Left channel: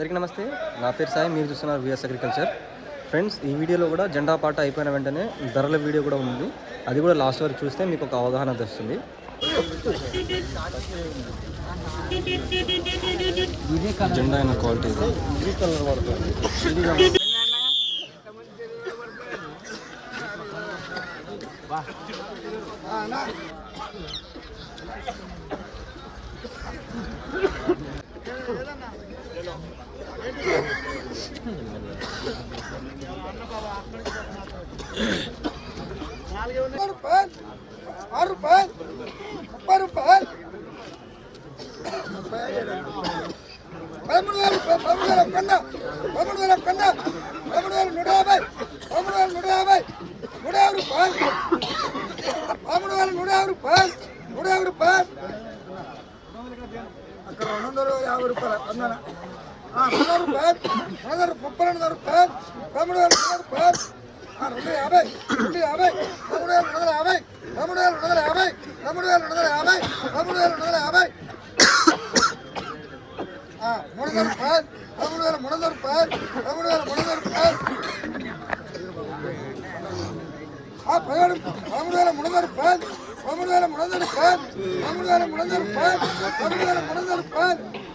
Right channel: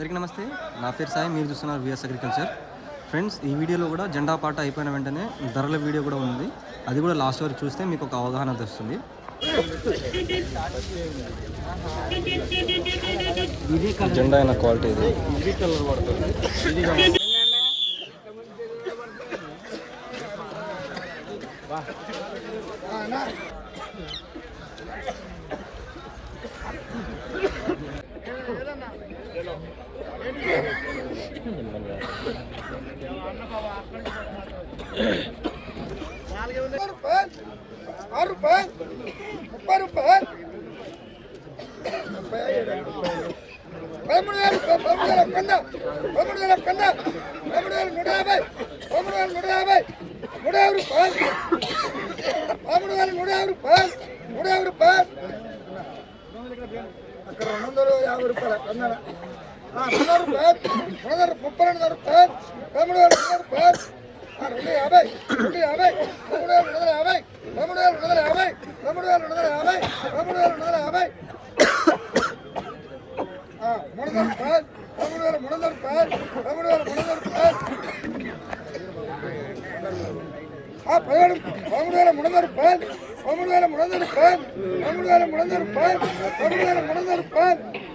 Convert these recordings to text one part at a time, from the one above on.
అందరికీ నమస్తే. నా పేరు సాయి మీరు చూస్తున్నారు విఎస్ అగ్రికల్చర్ ఫ్రెండ్స్ ఈ వీడియోలో కూడా జెండా పాట అయిపోయిన వెంటనే ధరల వీడియో కూడా ఉంది. అది కూడా లాస్ట్ వరకు చూస్తే మీకు ఒక అవగాహన తెస్తుంది జెండా అయిన క్వాలిటీ ఇది. பதிமூணு வேலை பதிமூணு வேலை கண்ணா பதிமூணு வேலை கண்ணா பதிமூணு வேலை நுடாவை பதிமூணு வேலை நுடாவை நுடாவது பால் பதிமூணு வேலை நுடாவது பால் நுடாவது பால் அக்கற ரெண்டு யாவது ரூபாய் வந்தானா రూపాయలు నూట యాభై రూపాయలు అక్కడ రెండు వందల యాభై రూపాయలు వందన వంద రూపాయలు వంద ముప్పై రెండు వందల రూపాయలు పదమూడు వేల వంద రూపాయలు ఆ, రెండు యాభై రెండు యాభై పదమూడు వేల రెండు వందల యాభై పదమూడు వేల రెండు వందల యాభై పదమూడు వేల రెండు వందల యాభై పదమూడు వేల రెండు వందల యాభై ఆ, మూడు వందల రూపాయలు పదమూడు వేల మూడు వందల రూపాయలు పదమూడు వేల మూడు వందల రూపాయలు ఆ, పదిహేడు పదమూడు వేల మూడు వందల రూపాయలు పదమూడు వేల మూడు వందల రూపాయలు పదమూడు వేల మూడు వందల రూపాయలు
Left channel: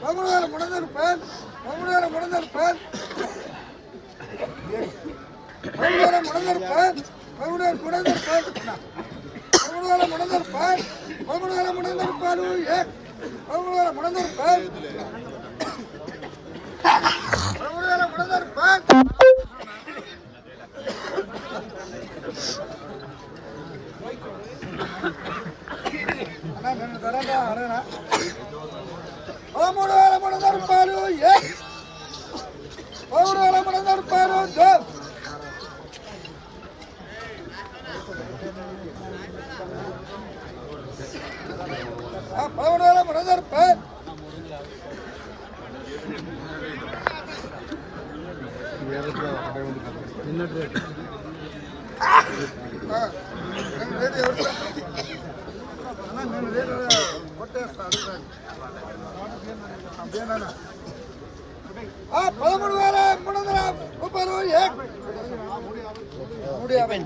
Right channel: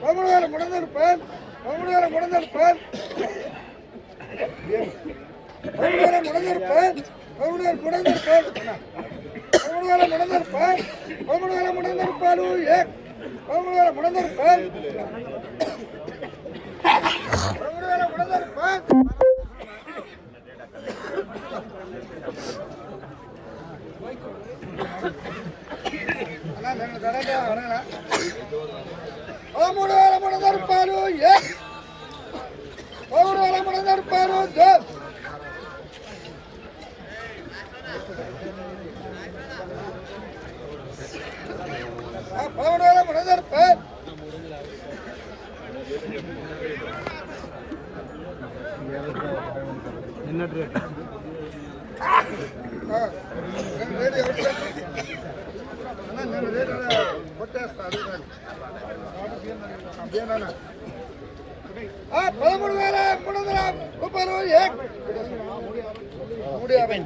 పదమూడు వేల మూడు వందల రూపాయలు పదమూడు వేల మూడు వందల రూపాయలు పదమూడు వేల మూడు మూడు వేల మూడు వందల రూపాయలు మూడు వేల మూడు వందల రూపాయలు పదమూడు వేల మూడు వందల రూపాయలు రేటు ఎవరు పదమూడు వేల మూడు వందల రూపాయలు మూడు యాభై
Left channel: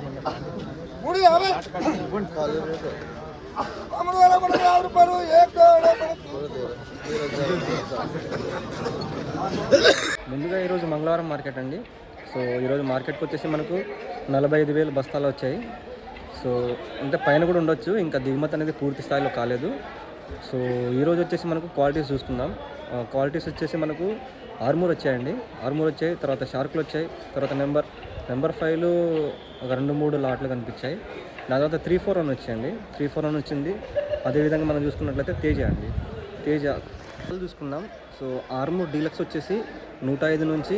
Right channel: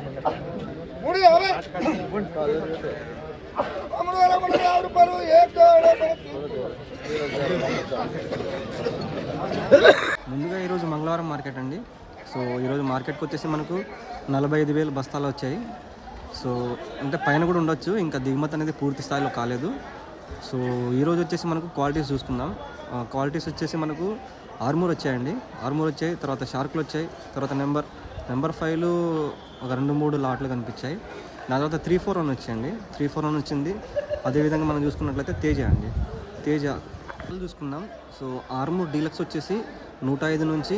మూడు యాభై పదమూడు వేల మూడు వందల యాభై రూపాయలు ముందుగా ఈరోజు మంగళవారం మార్కెట్ అండి. సో ఈరోజు మార్కెట్కి వచ్చేసి మనకు నలభై ఐదు వేలు బస్తాలు వచ్చాయి. సో అంటే పైన కూడా ఉండొచ్చు ఇంకా దిగుమతి అనేది పూర్తి స్థాయిలో కాలేదు. సో ఈరోజు వచ్చేసి మనకు క్వాలిటీస్ చూసుకుందాం. క్వాలిటీస్ వచ్చేసి మనకు ఆర్మూర్ వచ్చాయండి. ఆర్మూర్ వచ్చాయి తర్వాత షార్క్లు వచ్చాయి తర్వాత నెంబర్ నెంబర్ ఫైవ్లు ఒక రెండు మూడు లాట్లు కనిపించాయి. దాని తర్వాత త్రీ ఫోర్ వన్ వచ్చాయండి. త్రీ ఫోర్ వన్ వచ్చింది. అదేవిధంగా మనం చూసుకున్నట్లయితే తేజ అండి. తేజ చూసుకుందాం. సో ఆర్మూర్ డీలక్స్ వచ్చేసి నూట ఐదు నుంచి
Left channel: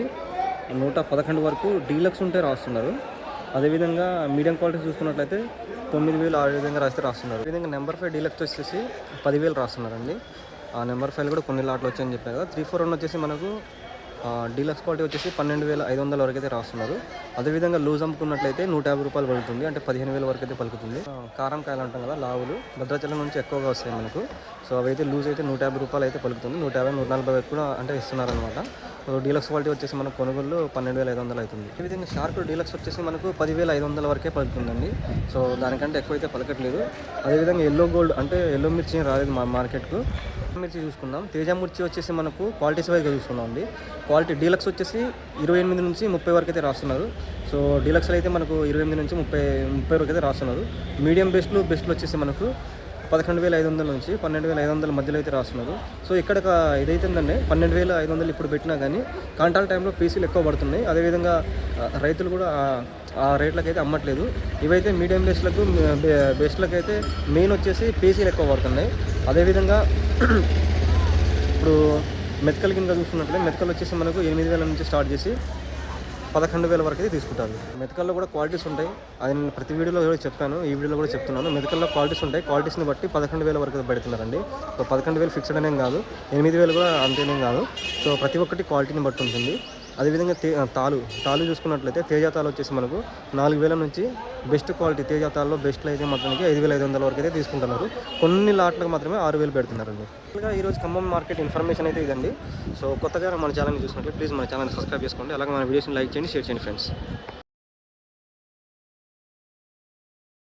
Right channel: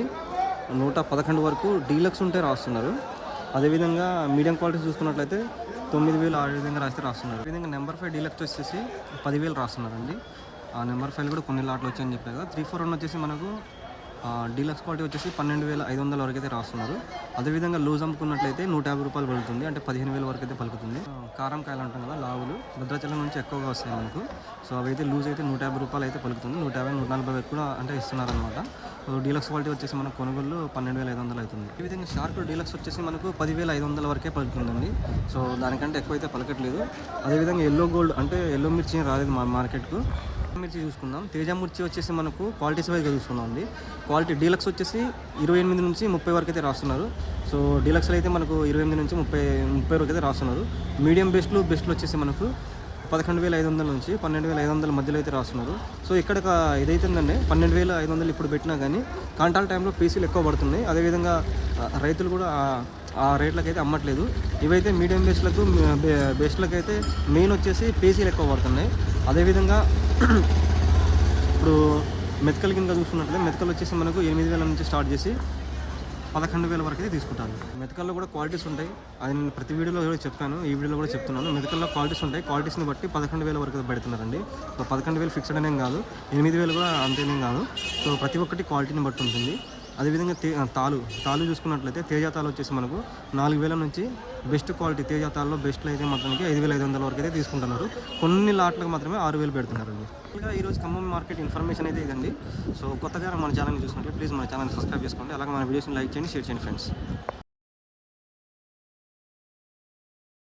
నూట పదకొండు వరకు డీలక్స్ ఉంటే రాస్తున్నారు. అదేవిధంగా మీడియం క్వాలిటీ చూసుకున్నట్లయితే తొమ్మిది వేలు ఆ విధంగా రాస్తే రాస్తున్నారు. విధంగా నెంబర్ ఫైవ్ డీలక్స్ వచ్చేసి పదివేలు రాస్తున్నారండి. ఆ నెంబర్ ఫైవ్ కూడా కొన్ని లాట్లు వచ్చాయని చెప్పారు. కదా త్రీ ఫోర్ వన్ వచ్చేసి మనకు డీలక్స్ క్వాలిటీ వచ్చేసి పన్నెండు వేల ఐదు వందల వరకు అయితే రాస్తున్నారు. అదేవిధంగా లూజ్ అమ్ముకున్నట్లయితే నూట యాభై రూపాయలు పలుకుతుంది. అంటే పదిహేను వేల వరకు అయితే పలుకుతుంది కారం కాయలు అంటాం కదా లావులు భద్రాచలం నుంచి ఎక్కువగా వస్తాయి మనకు. సో అవైతే లూజ్ అయితే నూట యాభై రూపాయలు అయితే పలుకుతుంది. నూట యాభై నూట నలభై కూడా అంటే ఇస్తున్నారు అనమాట డీలక్స్ క్వాలిటీ వచ్చేసి మనకు కొనుగోలు పన్నెండు వేల ఐదు వందలు అవుతుంది. అదేవిధంగా షార్క్ డీలక్స్ వచ్చేసి మనకు పదివేల ఐదు వందల వరకే పలుకుతుందండి. సో దానికంటే ఎక్కువ అయితే పలకట్లేదు. అదేవిధంగా ఎల్లో గోల్డ్ అంటే ఎల్లో మిర్చి రాలేదు మా మార్కెట్కు. మిర్చి చూసుకుందాం. తేజ మిర్చి వచ్చేసి మనకు క్వాలిటీస్ వైజ్గా చూసుకున్నాం అండి. క్వాలిటీ డీలక్స్ వచ్చేసి ఇరవై ఎనిమిది నుంచి ముప్పై వరకు అయితే రాస్తున్నారు. సో డీలక్స్లో అయితే మనకు ఇరవై ఎనిమిది నుంచి ముప్పై ముప్పై వరకు అయితే రాస్తున్నారు. మీడియం బెస్ట్లు బెస్ట్లు వచ్చేసి మనకు పదకొండు వేల ఐదు వందల నుంచి పన్నెండు వేల ఐదు వందల మధ్యలో అయితే రాస్తున్నారు. సో ఇక్కడ ఇదైతుందండి. పన్నెండు వేల ఐదు వందలు ఇప్పుడు పెట్టినా కానీ కాంటాల్ టైంలో పీసీలు ఎక్కువ పడుతున్నాయి. అదేవిధంగా రైతులు కూడా ఆ- రేట్లకు అయితే అమ్మట్లేదు. ఇవైతే మీడియం బేస్లకు బేస్లకు అయితే మెయిన్ వచ్చేసి పీసీలు ఎక్కువ పడుతున్నాయి. అదేవిధంగా ఇప్పుడు మెతకల్ కింద చూసుకున్నట్లయితే మెతకలు వచ్చేసి మనకు ఎనిమిది వేల నుంచి స్టార్ట్ చేసి పదకొండు వేల వరకు అయితే తీసుకుంటాను. మెతకల్లో కూడా క్వాలిటీస్ ఉంటాయి. అది నేను ప్రతి వీడియోలో కూడా చెప్పాను. ఈ వీడియోలో కూడా చెప్తున్నాను. మెతకల్లో క్వాలిటీస్ ఉంటాయి. క్వాలిటీస్ని బట్టి పదకొండు వేల వరకు పెడుతున్నారండి. సో పదకొండు వేలు ఫిక్స్డ్ అనేం కాదు. ఎనిమిది వేలు కూడా అంతేనేం కాదు. సో ప్రతి ఒక్కటి క్వాలిటీని బట్టి ఉంటుంది. అదేవిధంగా తే తాలు తాలు చూసుకున్నట్లయితే తేజ తాలు వచ్చేసి మనకు నాలుగు వేల నుంచి బెస్ట్ క్వాలిటీ తేజ తాల్లో బెస్ట్లో అయితే మాత్రానికి ఐదు వేల ఐదు వందల వరకు అయితే తీసుకుంటున్నారు. కొన్ని లాట్లకు మాత్రమే ఆరు వేలు పెడుతున్నారండి. ఇంకా ఈరోజు ఖమ్మం మార్కెట్ ఇన్ఫర్మేషన్ అయితే ఇదండి. సో కొత్తగా మన ఛానల్ని చూసినట్లయితే ప్లీజ్ మన ఛానల్ సబ్స్క్రైబ్ చేసుకోండి. అలాగే మన వీడియోస్ని లైక్ చేయండి షేర్ చేయండి ఫ్రెండ్స్.